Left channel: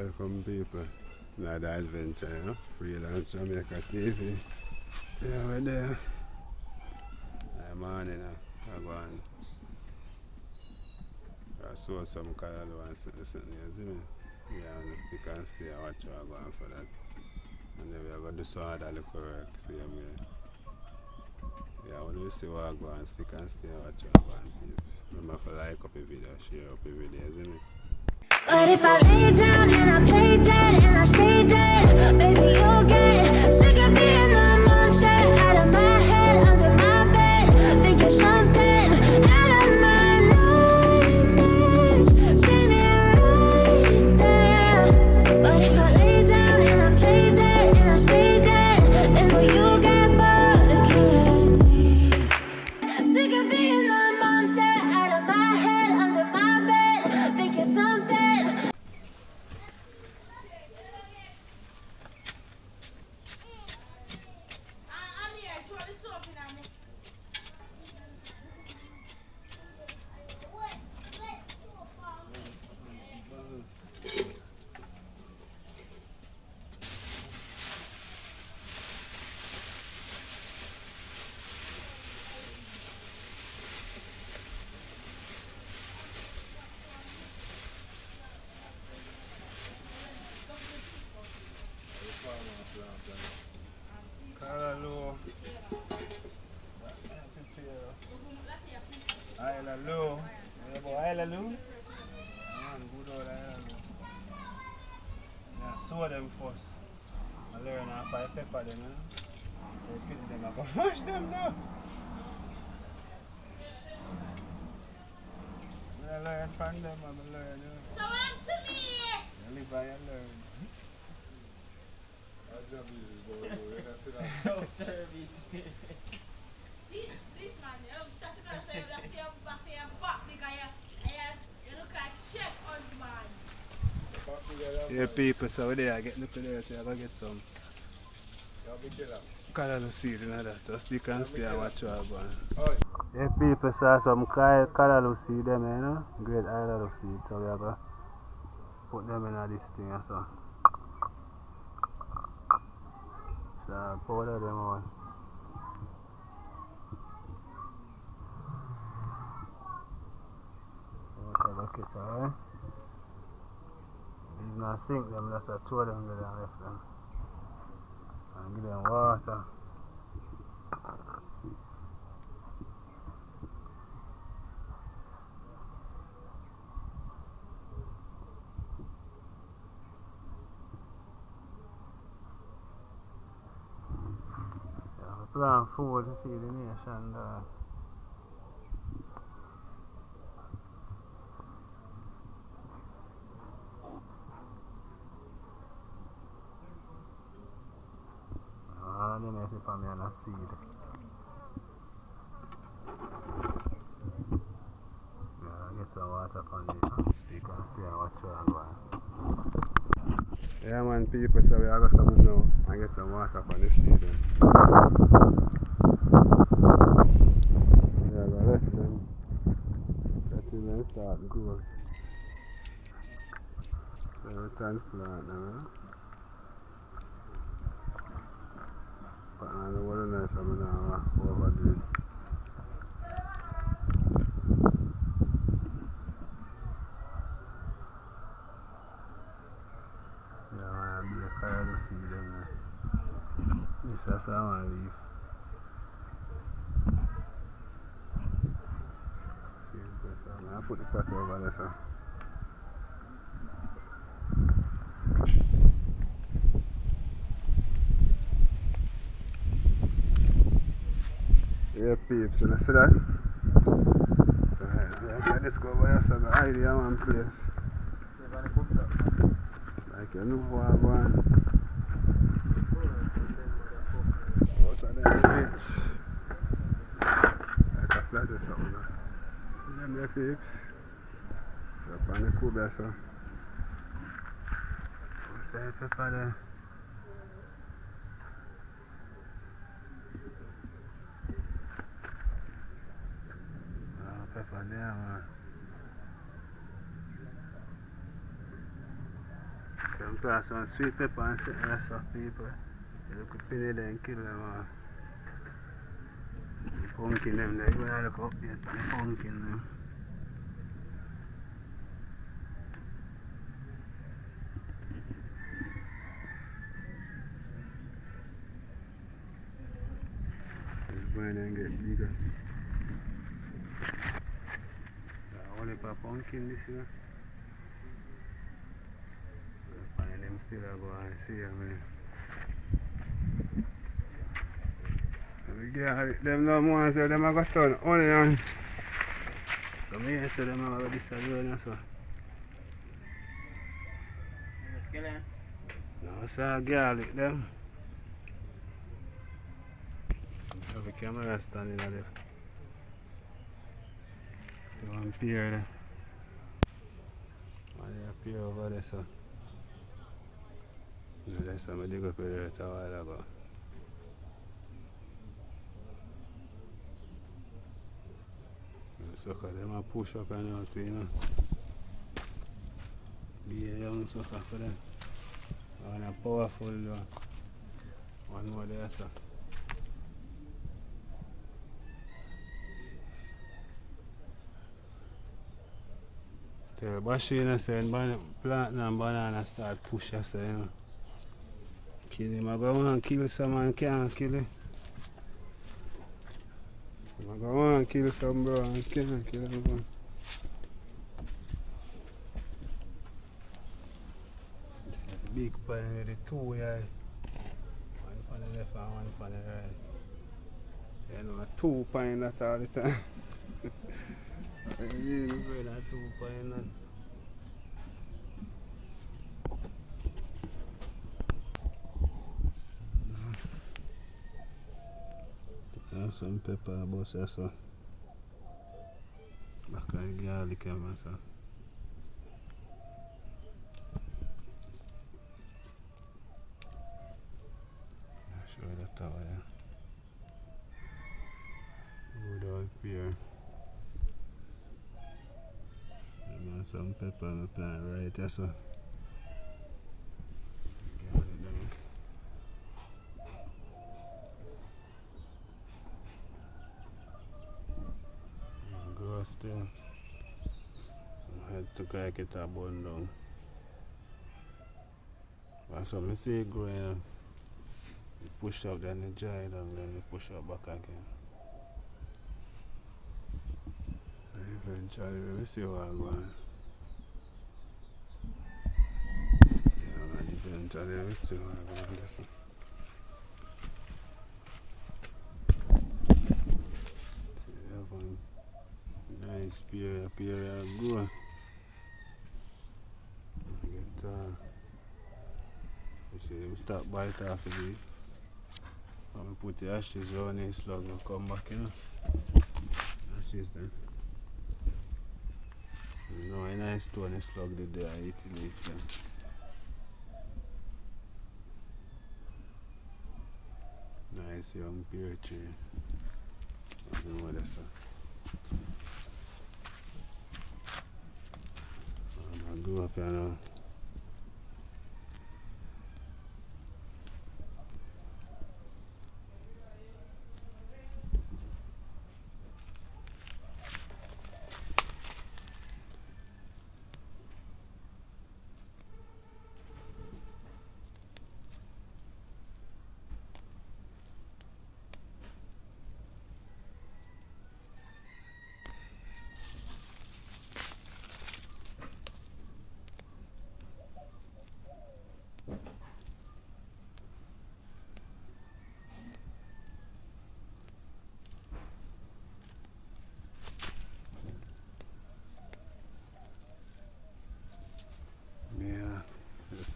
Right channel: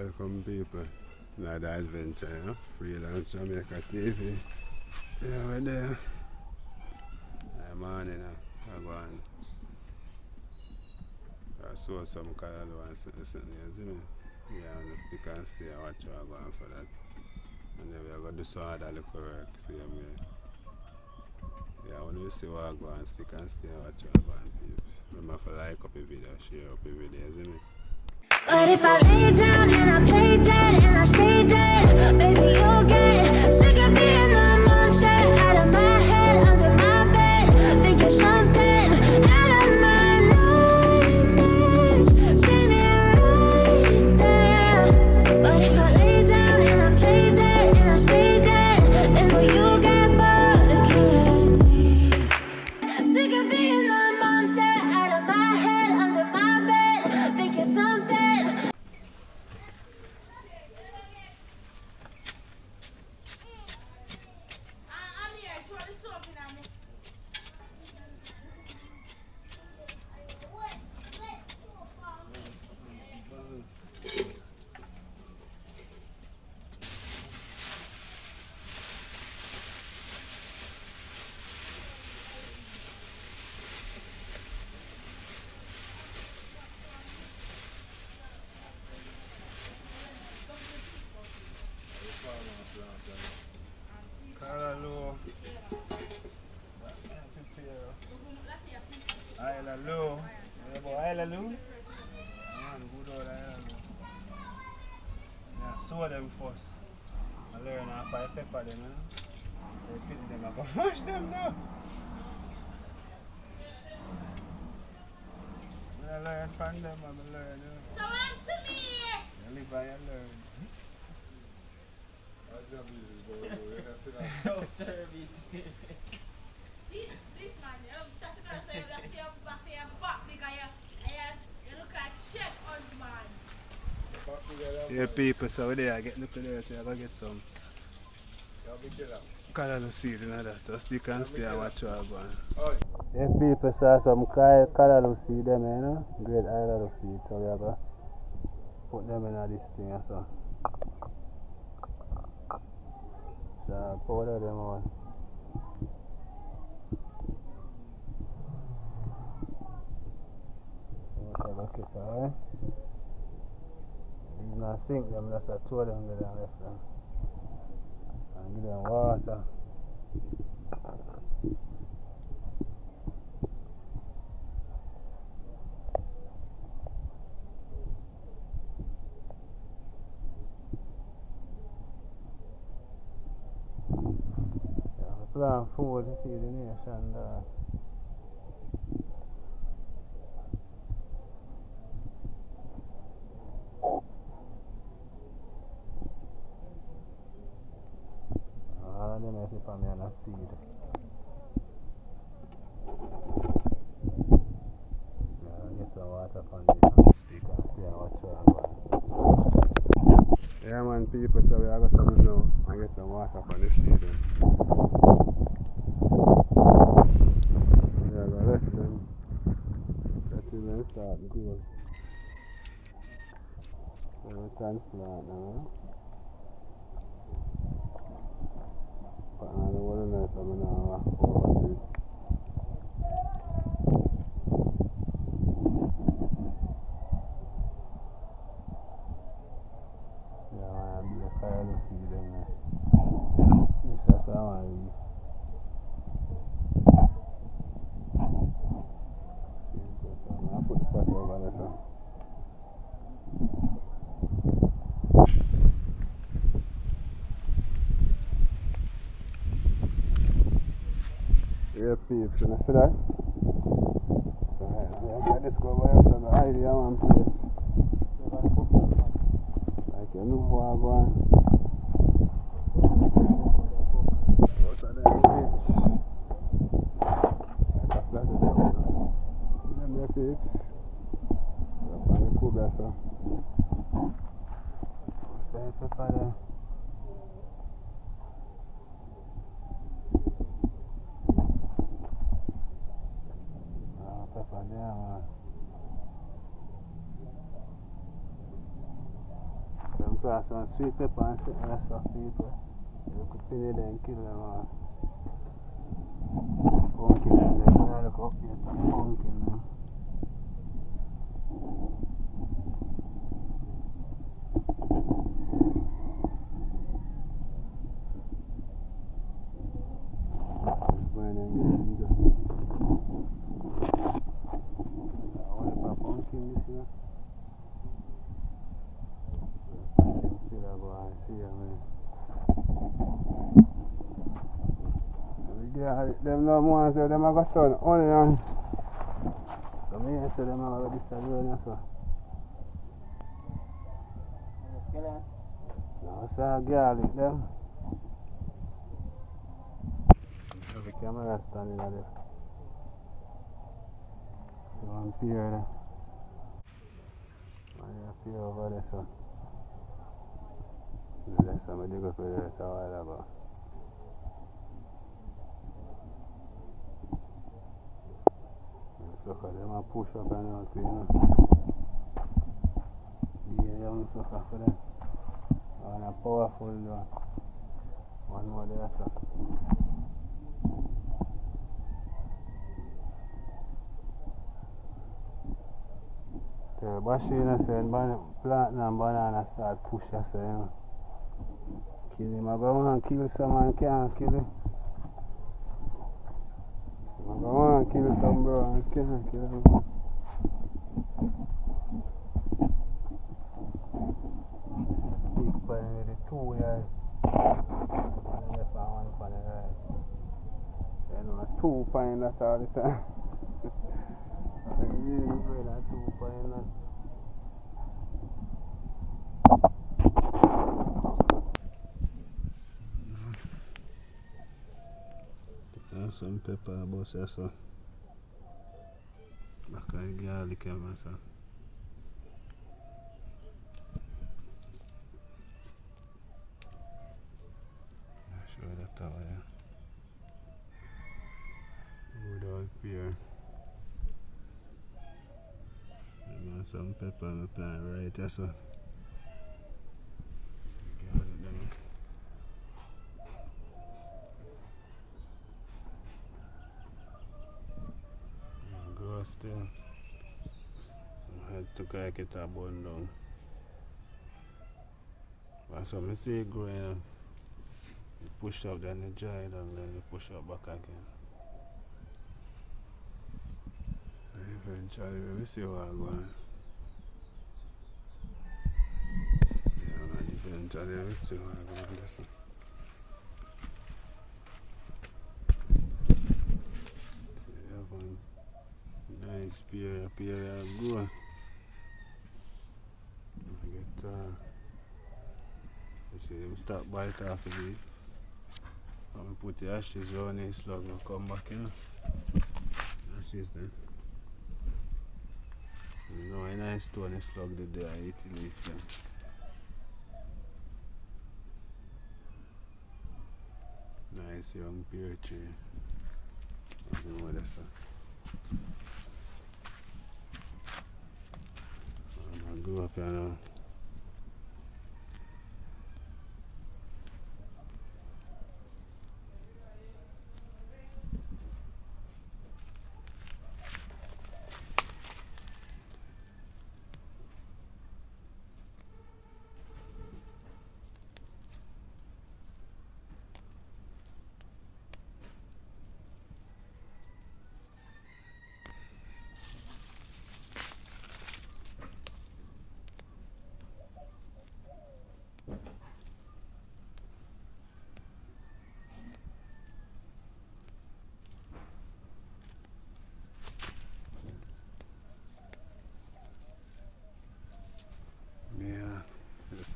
Welcome people, another adventure, you know? Freelance Jamaica TV. Yeah, we're there. I'm on, you know. I go on. I saw some callaloo and something, you see me? Yeah, on the stick and stay and watch how I go on for that. And then we're going to do some other little work, see me. Yeah, when you see what I go on, stick and stay and watch how I go on, peeps. Remember to like up the video, share up the video, see me? But if I lay down and I play dead and I stay dead, baby, you'll get sick of being the monster out of my head, under my bed, thinking something out of my nightmares. See me right there. But if I lay down and I play dead and I stay dead, then will you get bored of killing me? Sick of being the monster out of my head, under my bed, thinking something. Callaloo. Callaloo. Callaloo. Man, good old callaloo. Yeah, sow them first. I learn how to pepper them, you know. So you put them, I go mash them now. When I learn from them, I learn, you know. Come on to me! You live by you learn. This man, you know, chat to us, you see your back because you look like chef husband. Yeah, people, so we're there, get look at there, so I gotta get some callaloo seed and that, so stick and stay and watch how I go on. Yeah, people saw some callaloo seed them, you know, great callaloo seed, so we are going to put them in this thing and so. So powder them on. Okay, look it, alright? These not sink them, just a throw them there and left them. And give them water. Plant food to feed the nation. Let me see if I'm going to seed. Get some water from this. You can stay and watch how I'm going. Yeah, man, people, so we are going to some now and get some water from the seed. Yeah, I left them. Let them start growing. So we transplant now. But I don't want to know something now over it. Yeah, I be a callaloo seed in there. This is how I leave. I put the pot over there, so. Yeah, peeps, you see that? So, yeah, I just go by yourself, I hide in one place. Like you know what I'm going. Out of that bitch. Like a flat or something. See them there, peeps? Up on the cooler, so. What's that pepper there? Pepper there, man. plant some sweet pepper and sit there some people. You could pin it and kill them all. Pumpkin them there, you gotta look up there, pumpkin them. Just burn and get bigger. I want a pumpkin this year. And them still go and see them. Yeah, them no more so them a go turn only on. So me I say them a go disagree and so. No, sir, garlic them. Have a camera standing there. One pier there. One pier over there, so. That's how I dig up here a while ago. Sucker, them a push up and all too, you know. Be a young sucker for them. And a powerful one more there, so. The machine said plant and banana start push us, you know. Kill him, I go on kill someone can't kill him. I go on kill some bro and can't kill him. Big pine with the two here. One on the left and one on the right. You know, two pine that all the time. Really good at two pine that. Some pepper, boss, so. Back of the garlic, so. I'll show you that tower, yeah. Good old pear. And some pepper in the plant right there, so. Garlic, them. Still, I had to get it a bun down. But so I see it growing, you push up, then you dry it, and then you push up back again. And eventually, we see what I'm going. Yeah, man, eventually, we see what I'm going. Listen. Nice pear grow. I get you see them start bite off the leaf. And we put the ashes around the slug and come back, you know. Ashes then. You know a nice stone slug there I eat the leaf then. Nice young pear tree. I don't know what that's. I grew up here now.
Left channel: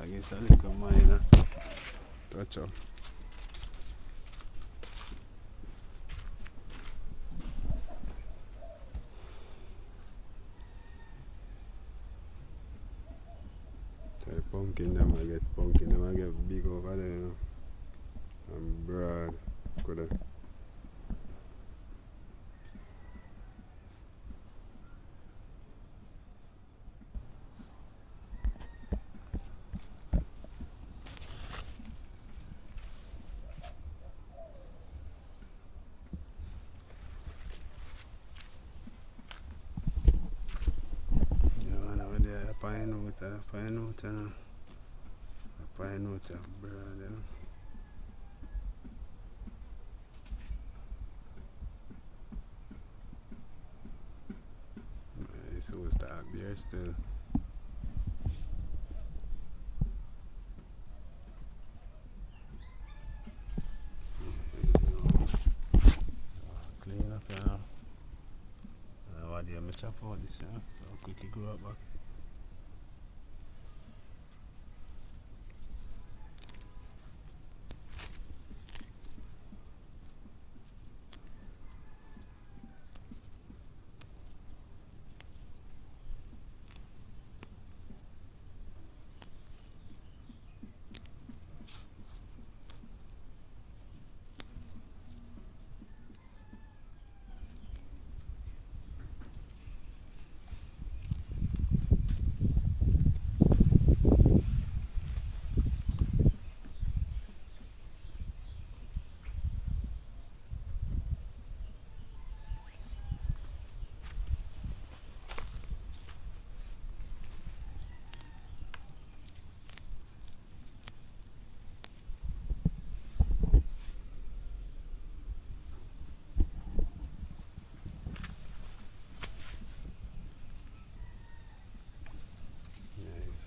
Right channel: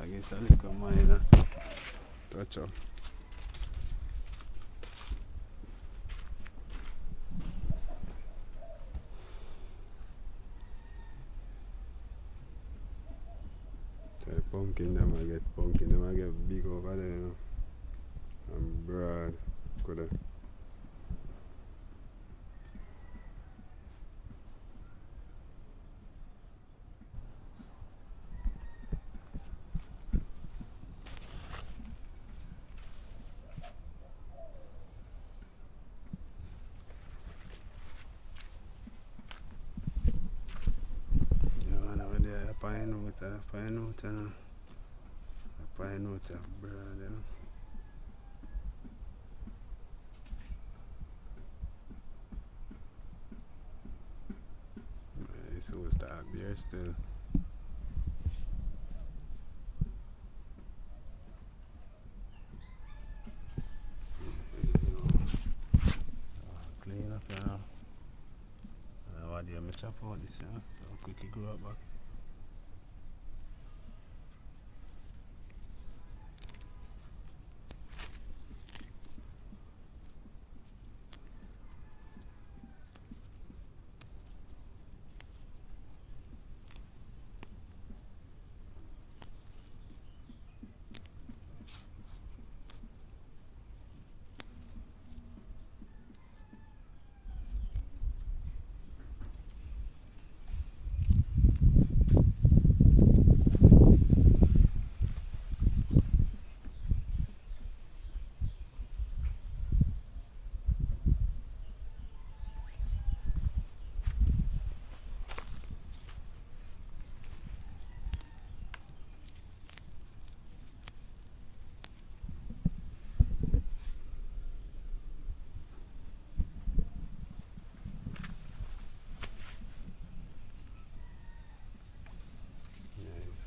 I guess I look at mine, touch up. Try pumpkin, them I get pumpkin, them I get big over there, you know. And broad, coulda. pine out and a pine out and a pine out of broad, you know. So we start beer still. Clean up, you know. And what do you chop out this, you know? So quickly grow up back.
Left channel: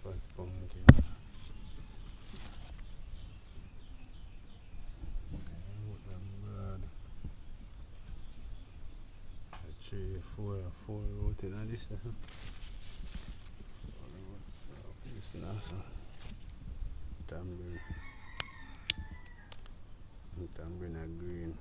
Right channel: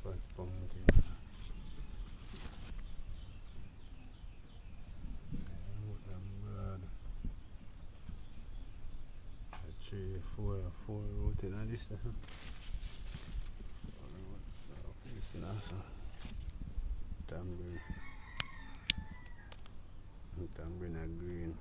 Fat pumpkin. Broad. 3, 4 root in this. This is also tambourine. Tambourine are green.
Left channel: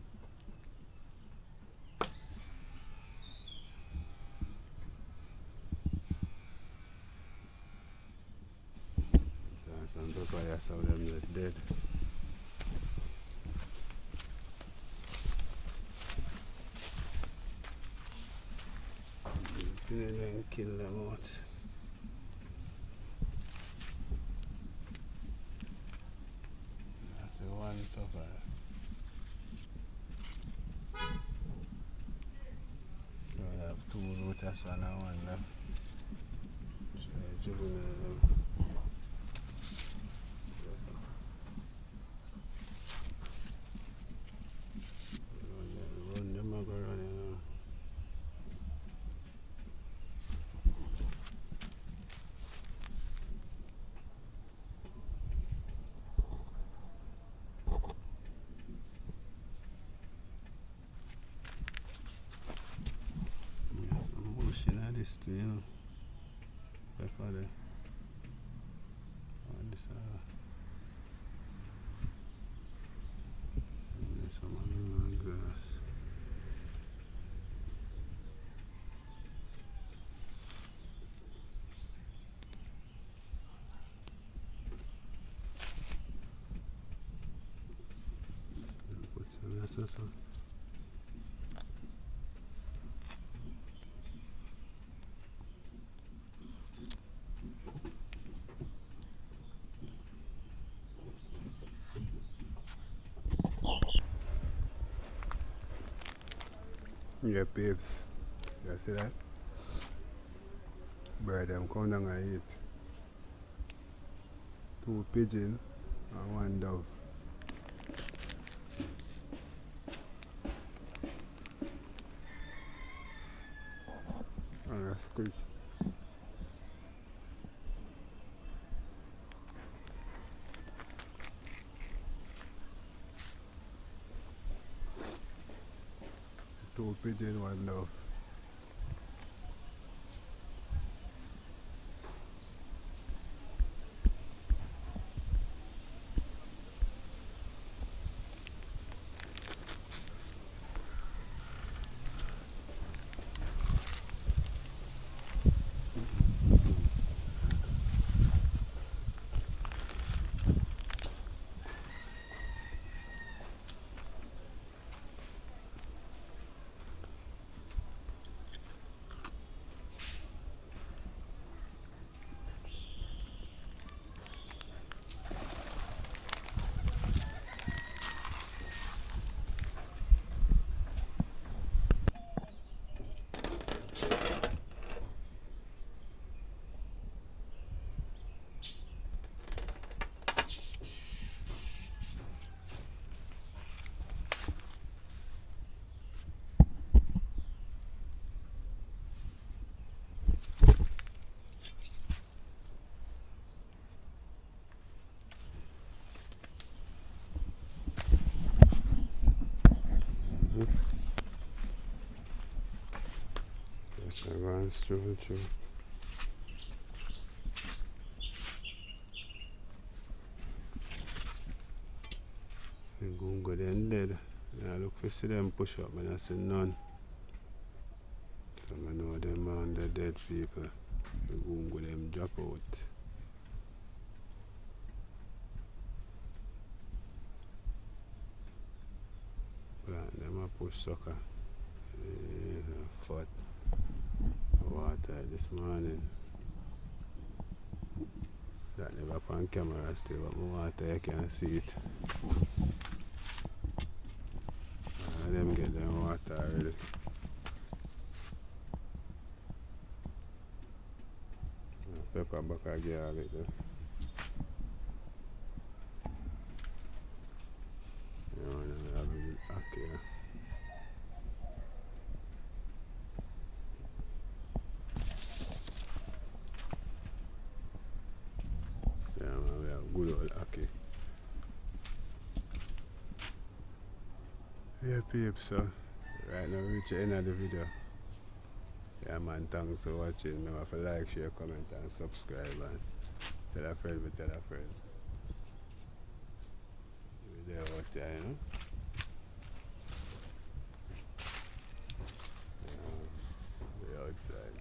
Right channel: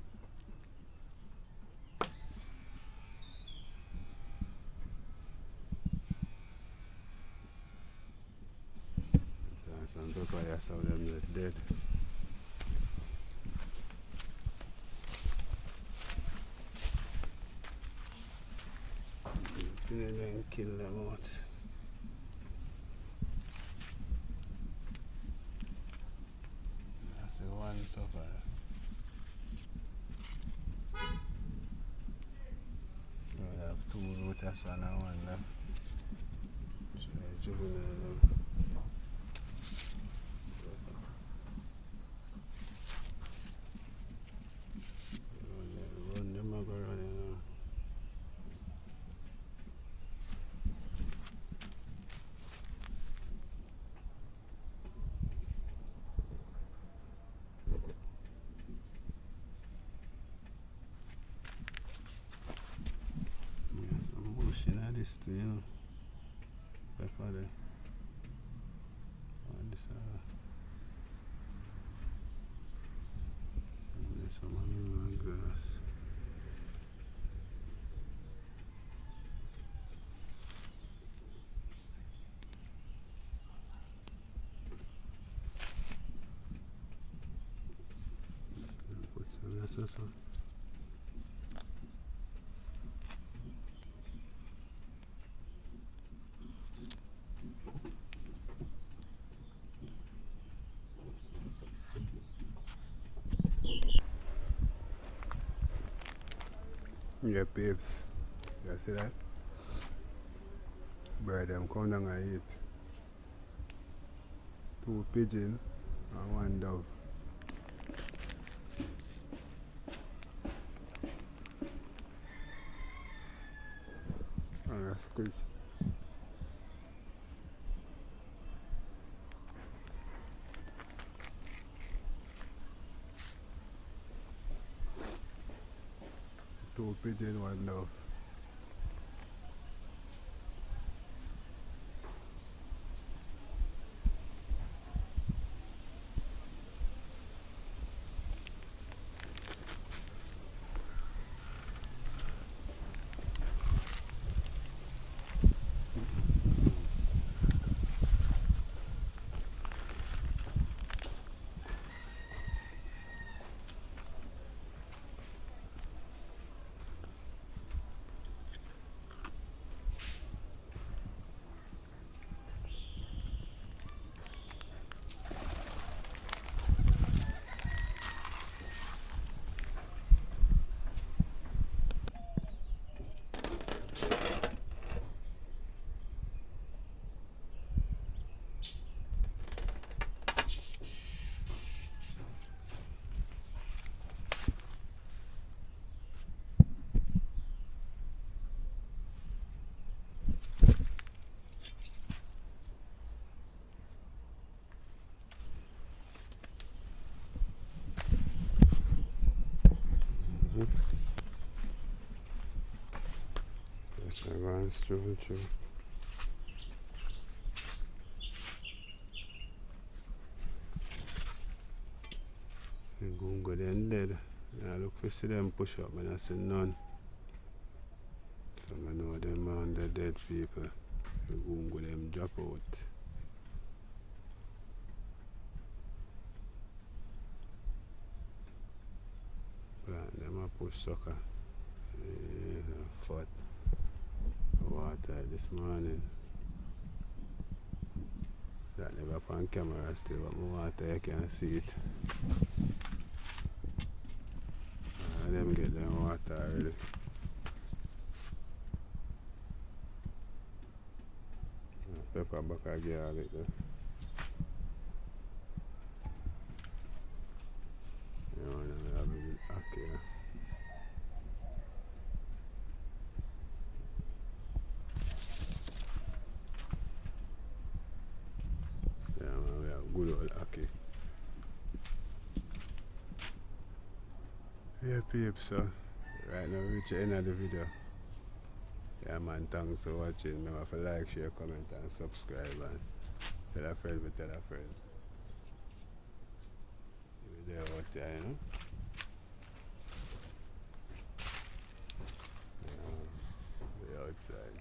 Some papaya, some of them are dead. Then kill them out. That's the one so far. So we have 2 rooters and 1 left. So juvenile. This too, you know, pepper there. And this and there's some animal grass. Put some of that. Yeah, babes. You see that? Bird them come down and eat. 2 pigeon and 1 dove. Oh, that's quick. Two pigeon, 1 dove. I go and stroll through. I'm going to go then dead. I look for see them push up, but I see none. So I know them on the dead people. I'm going to go them drop out. Plant them a push sucker. Fat water this morning. That never on camera still, but my water you can see it. Them get them water already. Pepper back a garlic there. Yeah, man, I have it back here. Yeah, man, we have good old Aki. Yeah, peeps, so right now we reach the end of the video. Yeah, man, thanks for watching. Remember to like, share, comment, and subscribe, and tell a friend, but tell a friend. You're there out there, you know? Yeah, we're outside.